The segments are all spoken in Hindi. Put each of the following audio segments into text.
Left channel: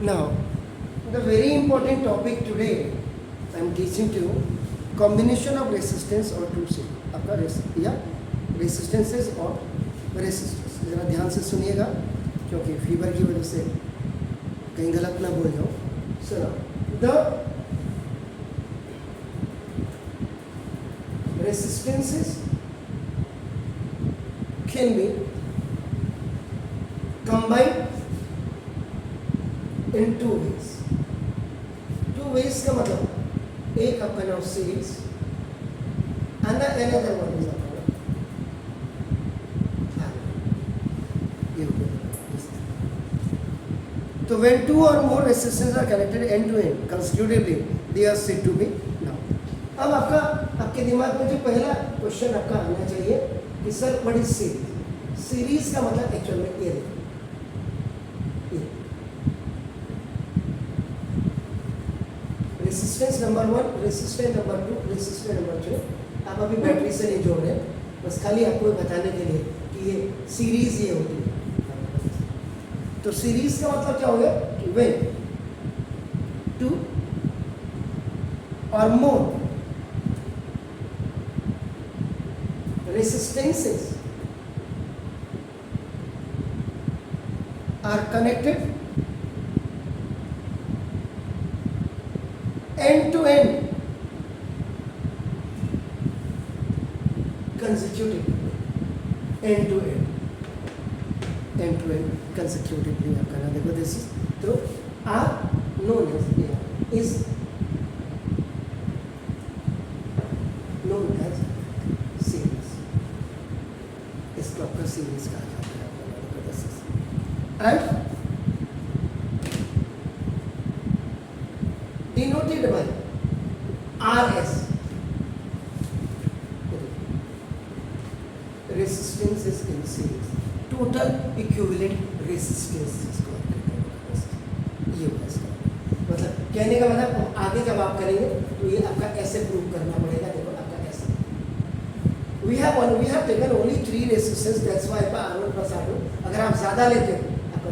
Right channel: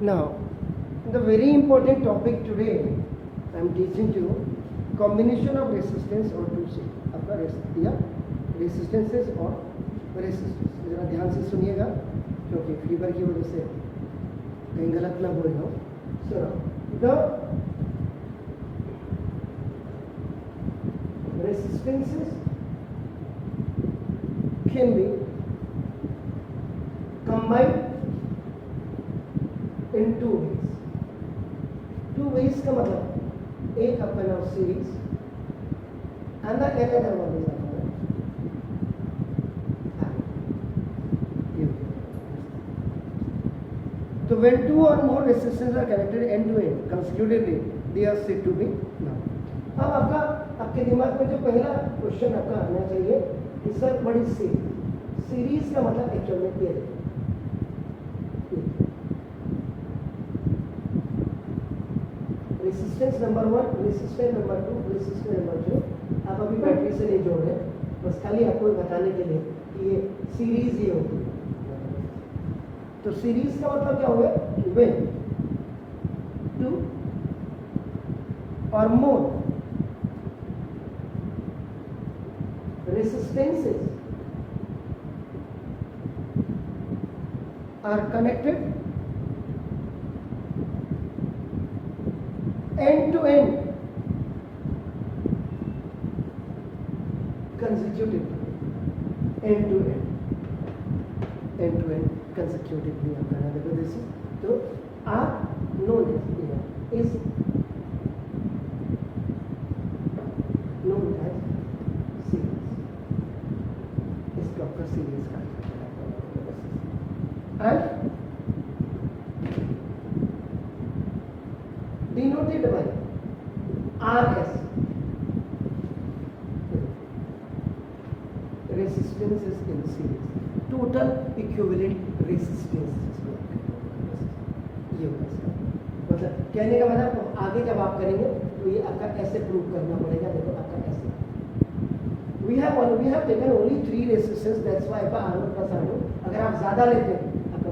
Now, the very important topic today, I am teaching to you combination of resistance और टू से आपका या रेसिस्टेंसेस और रेसिस्टेंस. ज़रा ध्यान से सुनिएगा क्योंकि फीवर की वजह से कहीं गलत ना बोल जाओ. So the resistances can be combined in two ways. Two ways का मतलब एक अपन of series and the another one is upon so when two or more resistors are connected end to end consecutively they are said to be now. अब आपके दिमाग में जो पहला क्वेश्चन आपका आना चाहिए कि sir what is series. Series का मतलब एक्चुअल में ये देखो resistance number 1, resistance number 2, resistance number 3. आप अभी बैटरी से नहीं जोड़ रहे, बस खाली आपको बताने के लिए कि ये सीरीज ये होती है. तो सीरीज का मतलब क्या हो गया कि व्हेन टू और मोर resistances are connected end to end consecutively. End to end consecutively आप करना. देखो दिस इज तो आर known as series. इसको आपका सीरीज कहा जाता है and denoted by RS. Resistance is in series. Total equivalent resistance इसको ये होगा इसका मतलब. कहने का मतलब आगे जब आप करेंगे तो ये आपका ऐसे प्रूव करना पड़ेगा. देखो आपका ऐसे we have taken only 3 resistors, that's why R1 plus R2. अगर आप ज़्यादा लेते हैं आपका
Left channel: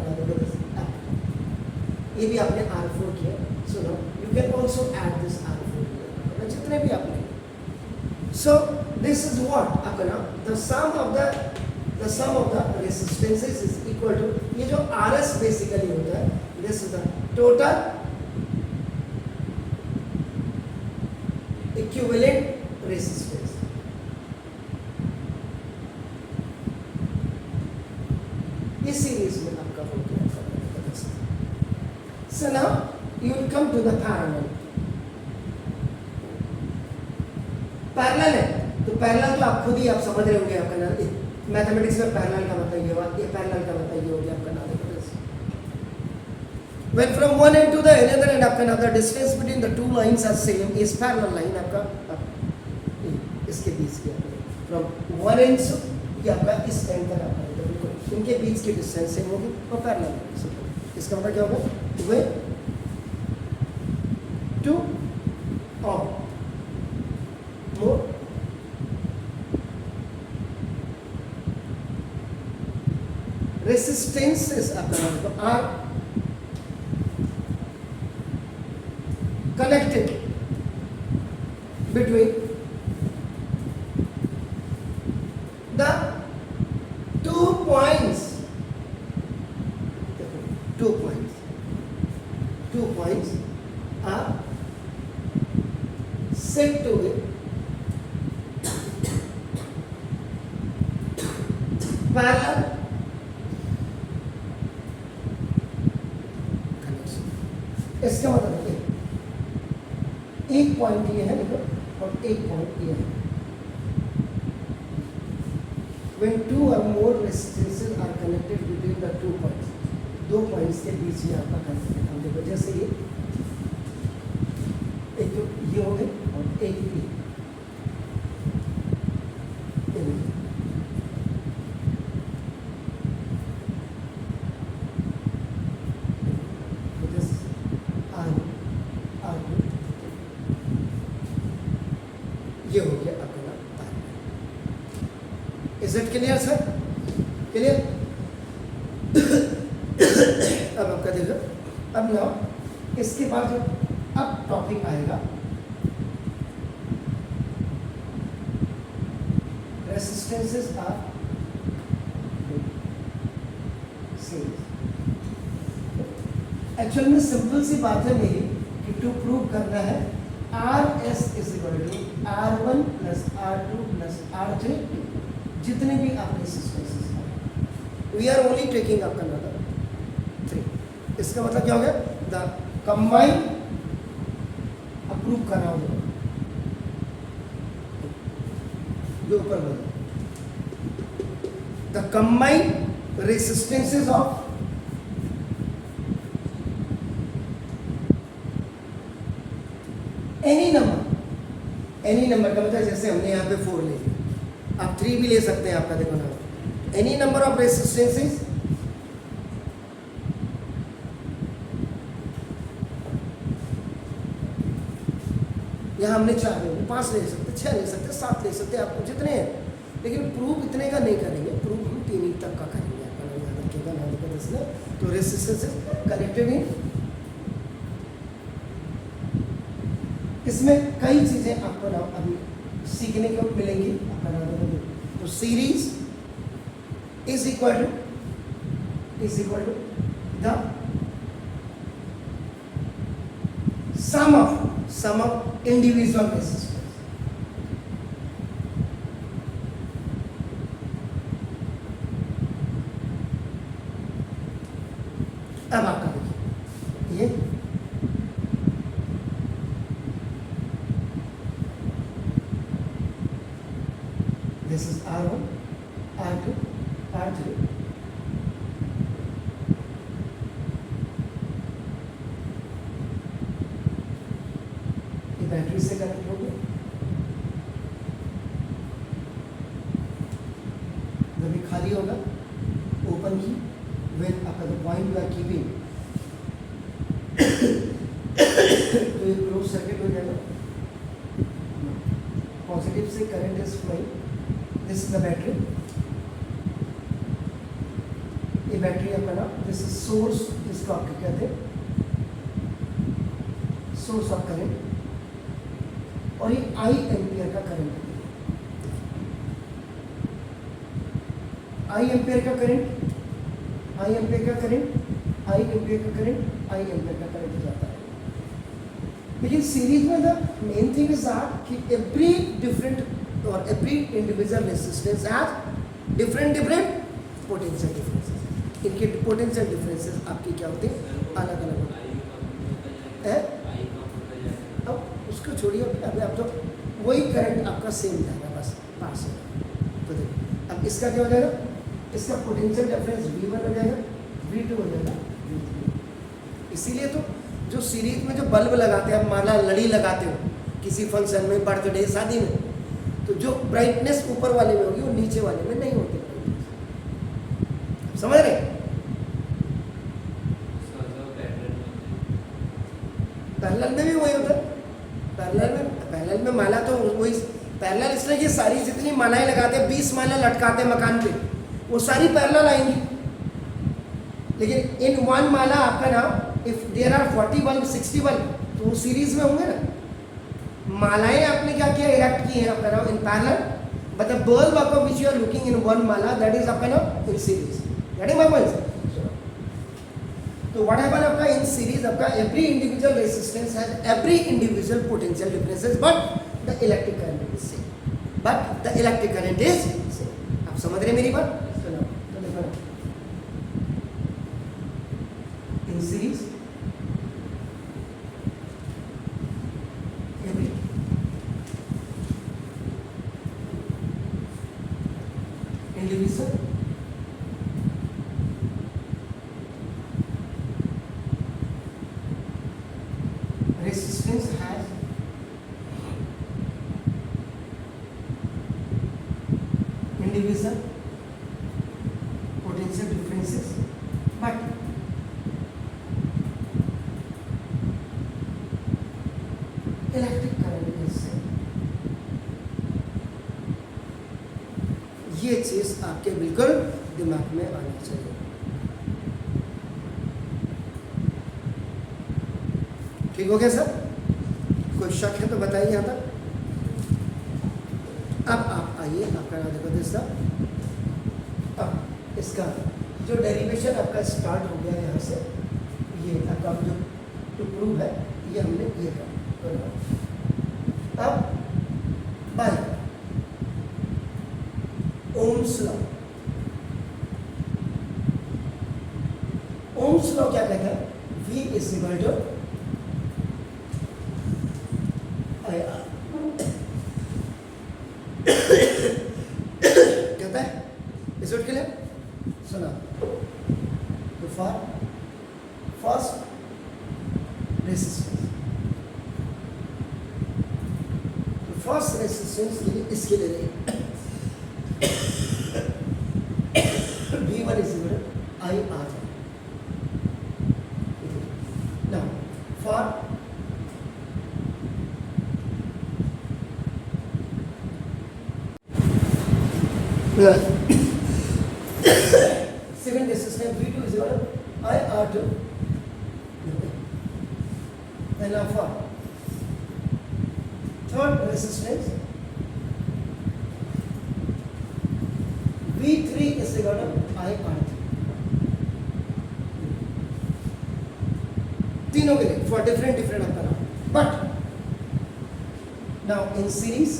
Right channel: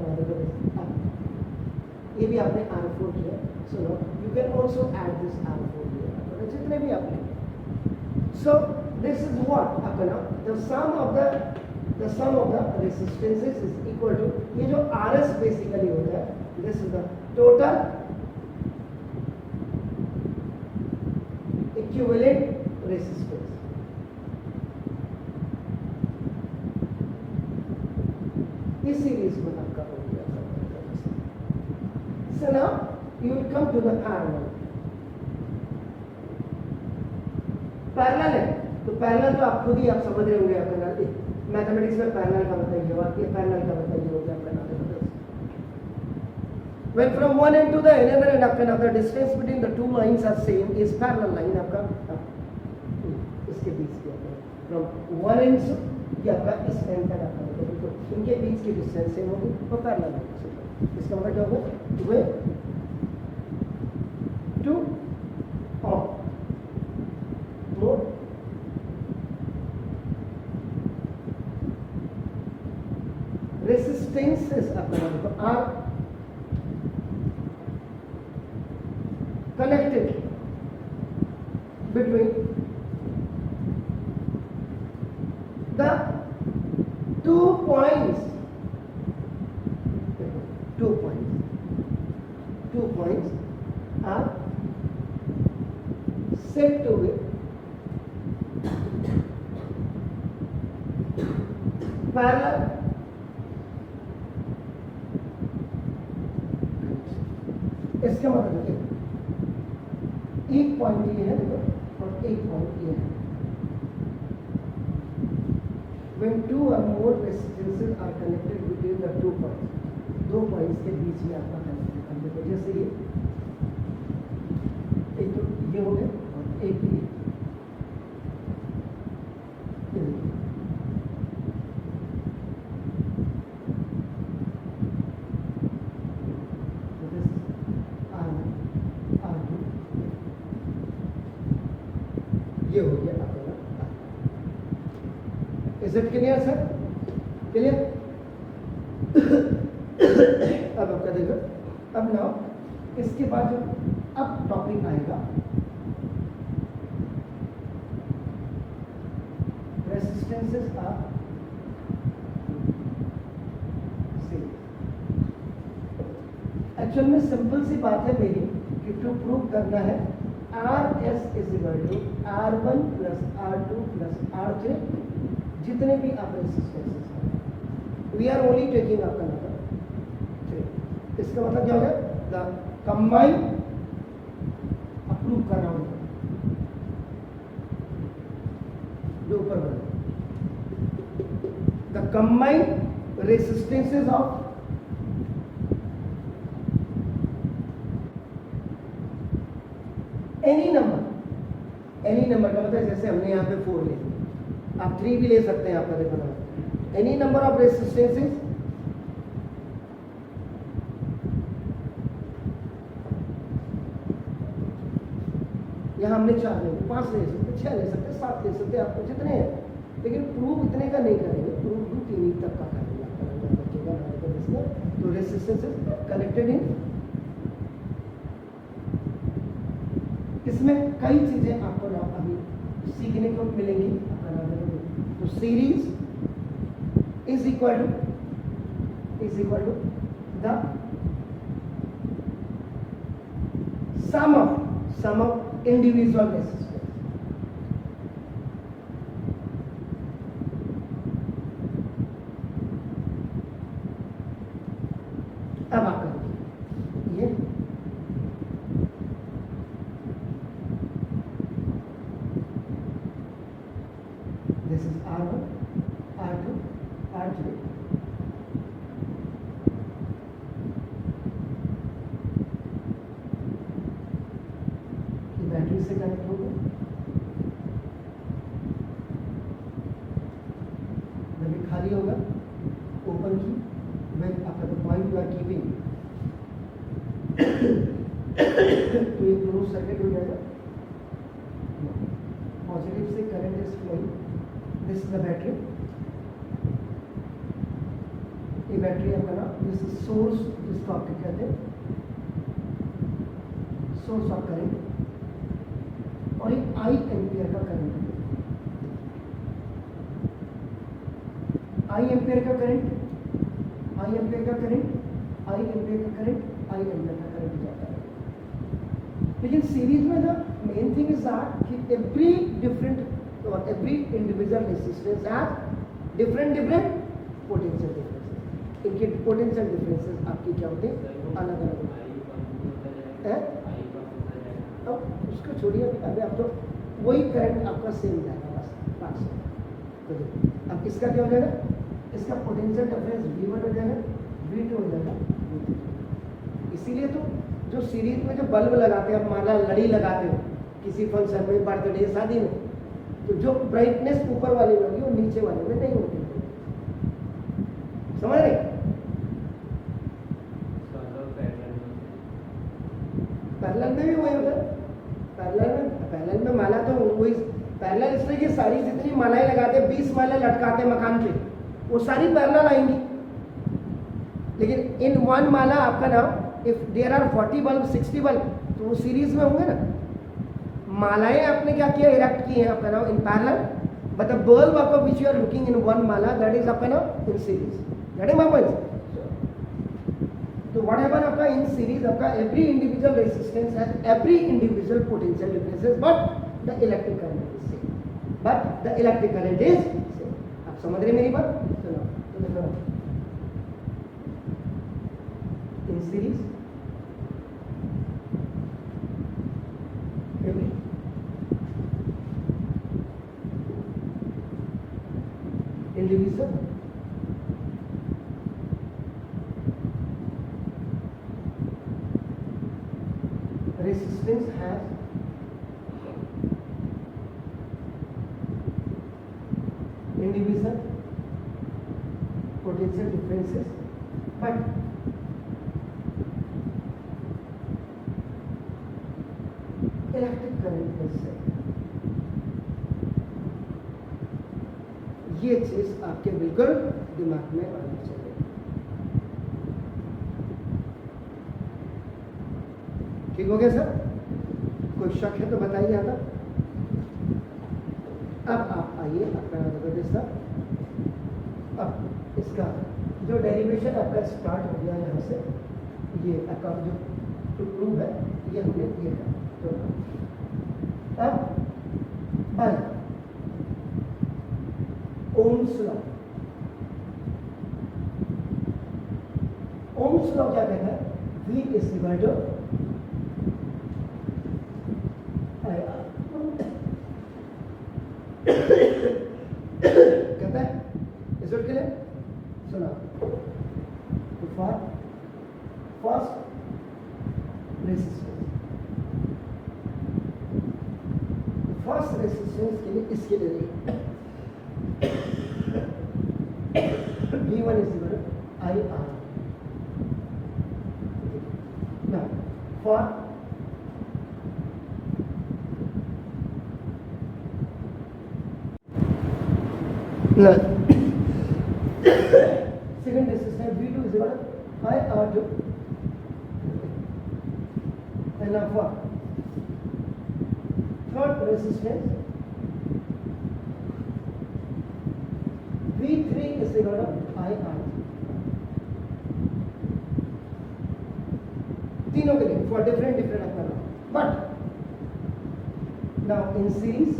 ये भी आपने R4 किया. So now you can also add this R4 here जितने भी आप लेंगे. So this is what आपका ना the sum of the resistances is equal to ये जो RS basically होता है. This is the total equivalent resistance. इस सीरीज में आपका हो गया. So now you will come to the parallel. Parallel है तो पैरेलल तो आप खुद ही आप समझ रहे होंगे. आपका नाम मैथमेटिक्स में पैरेलल का मतलब ये हुआ, ये पैरेलल का मतलब ये हो गया आपका नाम. When from one end to the another end आपका नाम the distance between the two lines are same is parallel line. आपका इसके बीच की from one end से ये आपका इस एंड तक आपका तो बिल्कुल इनके बीच की डिस्टेंस सेम होगी और पैरेलल. इसका मतलब क्या होगा वे टू और मोर रेसिस्टेंसेस आपका नाम are connected between the 2 points. Two points are said to be parallel connection. इसका मतलब एक पॉइंट ये है देखो और एक पॉइंट ये है. When 2 or more resistances are connected between the 2 points, 2 points के बीच ही आपका कनेक्शन. हम देखो जैसे ये एक तो ये हो गए और एक ये ये हो गया अपना. Is it clear sir? Clear? अब आपका देखो अब ना इसके बाद जो अब टॉपिक आएगा रेसिस्टेंसेस ऑफ सीरीज। एक्चुअल में सिंपल सी बात है मेरी कि टू प्रूव करना है R S is equal to R1 plus R2 plus R3 जितने भी आप रेसिस्टेंसेस हैं, we are only taking up another 3। इसका मतलब क्या हो गया? द कंबाइन अप्रूव कर रहा हूँ जो ऊपर बोला, the combine resistances of any number का मतलब जैसे हमने यहाँ पे 4 ले लिया, आप 3 भी ले सकते हैं। आपका देखो ना, एनी नंबर ऑफ रेसिस्टेंसेस यहाँ हमने 4 ले लिए, 5 ले सकते, 6 ले सकते, 7 ले सकते, आपको जितने हैं, लेकिन प्रूफ इतने का नहीं करेंगे, प्रूफ हम 3 तक का करेंगे। आपका याद रखिएगा ना, देखो इसमें तो रेसिस्टेंसेस कनेक्टेड है। इसमें कई चीजें आपको ना अभी सीखने को मिलेंगी। तो series is equal to the sum of individual resistance. अब आपका देखिए ये this is R1, R2, R3. ये बैटरी से कनेक्ट हो गया, जब ये खाली होगा ओपन की विद आपका the point you are keeping तो ये क्लोज सर्किट हो जाएगा। पॉजिटिव से current is flowing, this is the battery, ये बैटरी आपका ना, दिस इज सोर्स, जिसको आपके कहते हैं सोर्स ऑफ करंट, और ये आई एम्पियर का करंट है। आई एम्पियर का करंट, आई एम्पियर का करंट, आई एम्पियर का करंट, आई एम्पियर का करंट जाता है। लेकिन सीरीज में the main thing is that कि एवरी डिफरेंट और every individual resistance has different potential differences. इनके पोटेंशियल डिफरेंसेस आपकी क्या होते हैं? अलग अलग है। अब उसको छोड़िए, अभी आप तो वही करंट आपका सेम जाएगा, बस पास होगा। तो देखो अब इसका क्या हो जाएगा? इसका पोटेंशियल डिफरेंस V1 हो जाएगा, V2 हो जाएगा, V3। इसीलिए तो जो सीरीज में जो बल्ब लगाते हैं, आप माला लड़ी लगाते हो किसी फंक्शन में, बर्थडे शादी में, तो जो ब्राइटनेस ऊपर वाले में होगी वो नीचे वाले में नहीं होती। समझ रहे? पैरेलल में भी वही होता है। पैरेलल में माला तो वही पैरेलल, इसलिए कि सारी जितनी मालाएं लगाते हैं, 20 माला लटकाते मकान पे, वो सारी पैरेलल आएंगी। लेकिन इन वन माला आपका ना, if there are 40 bulb 60 bulb, तो वो सीरीज में होंगे ना। मालाएं आपने क्या किया, इरेक्ट की है आपका नाम in parallel, but the bulb आपका which you are looking in one माला, दैट इज आपका नाम in series. That is my point. तो व्हाट हैपन आपका इन सीरीज, आपका every individual resistance has every individual potential differences, but the electric current is same, but the electric current is same. आप समझ रहे मेरी बात? तो देखो in series every individual resistance has individual potential differences, but electric current is same. ये चीज आपके बिल्कुल दिमाग में आनी चाहिए। ठीक हो गया सर? कोई शक है तो बताइए यहाँ तक। अब आप आइए, आपका नाम देखो दिस सर। अब इसका जो डेरिवेशन आपका स्टार्ट हो गया यहाँ से, ये आपका जो टू प्रूव है ये हमने ये कर। अब by Ohm's law, Ohm's law क्या कहता है? V is equal to I R, कहता है इज इट क्लियर? सुना तो फॉर फर्स्ट रेसिस्टेंस, तो फर्स्ट रेसिस्टेंस के लिए इसके लिए V1 is equal to I R. Now, for second resistance V2 is equal to IR2, and now for third resistance V3 is equal to IR3. तीनों के लिए फॉर डिफरेंट डिफरेंट अपना, but now in series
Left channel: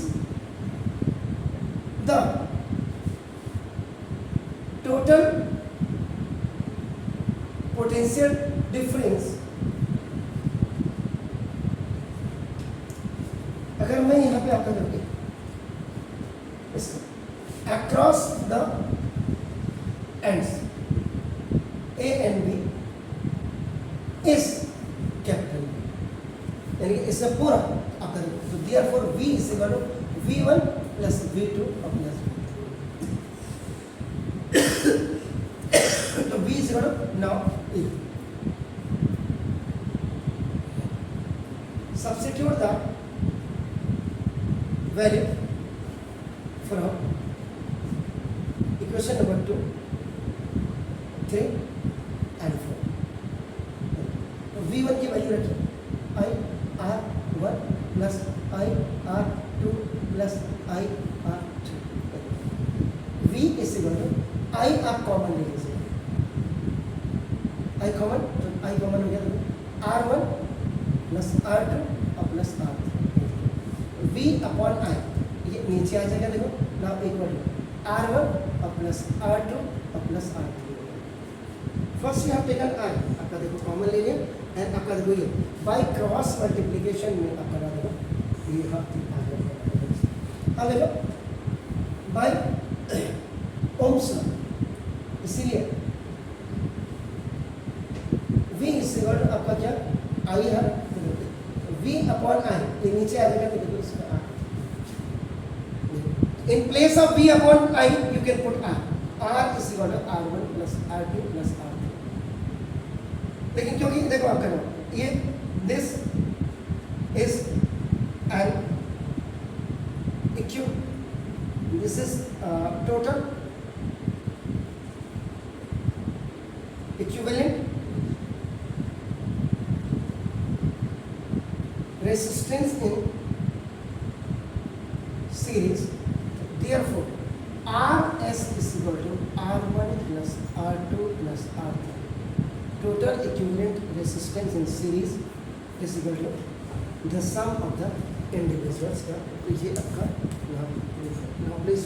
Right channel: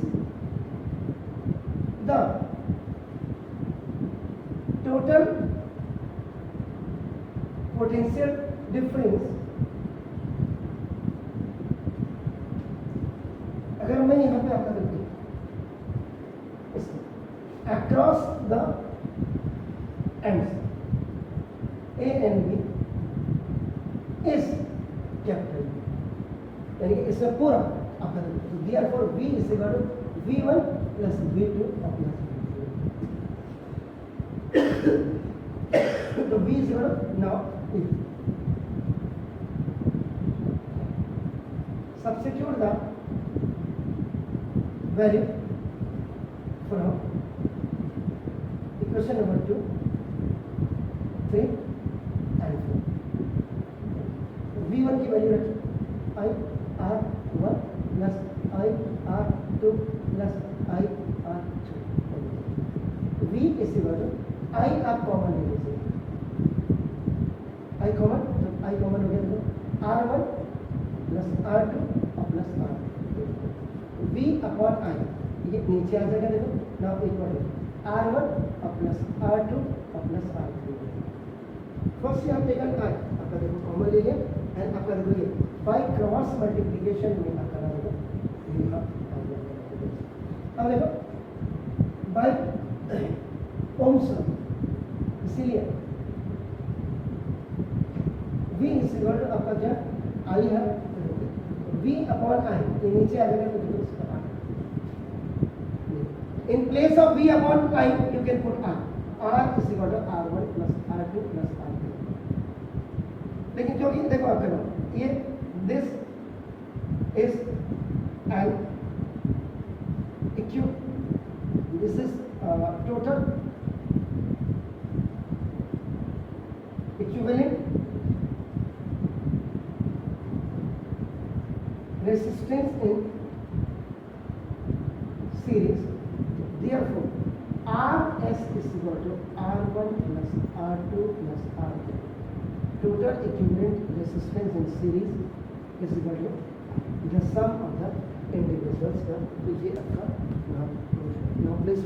the total potential difference, अगर मैं यहां पे आपका देखिए across the ends A and B is capital, यानी कि इसमें पूरा अब तो therefore V is equal to V1 plus V2 plus तो V is equal to now E, substitute the value from equation number 2, 3 and 4। V1 की वैल्यू रखिए IR1 plus IR2 plus IR2। V is equal to I आप कॉमन ले लीजिए, I कॉमन, तो I कॉमन हो गया तो R1 प्लस R2 और plus R3, V upon I ये नीचे आ जाएगा। देखो ना इक्वल टू R1 और प्लस R2 और plus R3। First you have taken I, आपका देखो कॉमन ले लिया, एंड आपका देखो ये बाय क्रॉस मल्टीप्लिकेशन में आपका देखो ये अब देखो बाय ओम्स लॉ, इसीलिए V इज इक्वल टू आपका क्या I है, V अपॉन I ये नीचे आ जाएगा तो देखो इसका in place of V upon I you can put R, R is equal to R1 plus R2 plus R3। लेकिन क्योंकि देखो आप करो ये this is an EQ, this is total equivalent resistance in series, therefore RS is equal to R1 plus R2 plus R3, total equivalent resistance in series is equal to the sum of the individuals का। ये आपका नाम प्लीज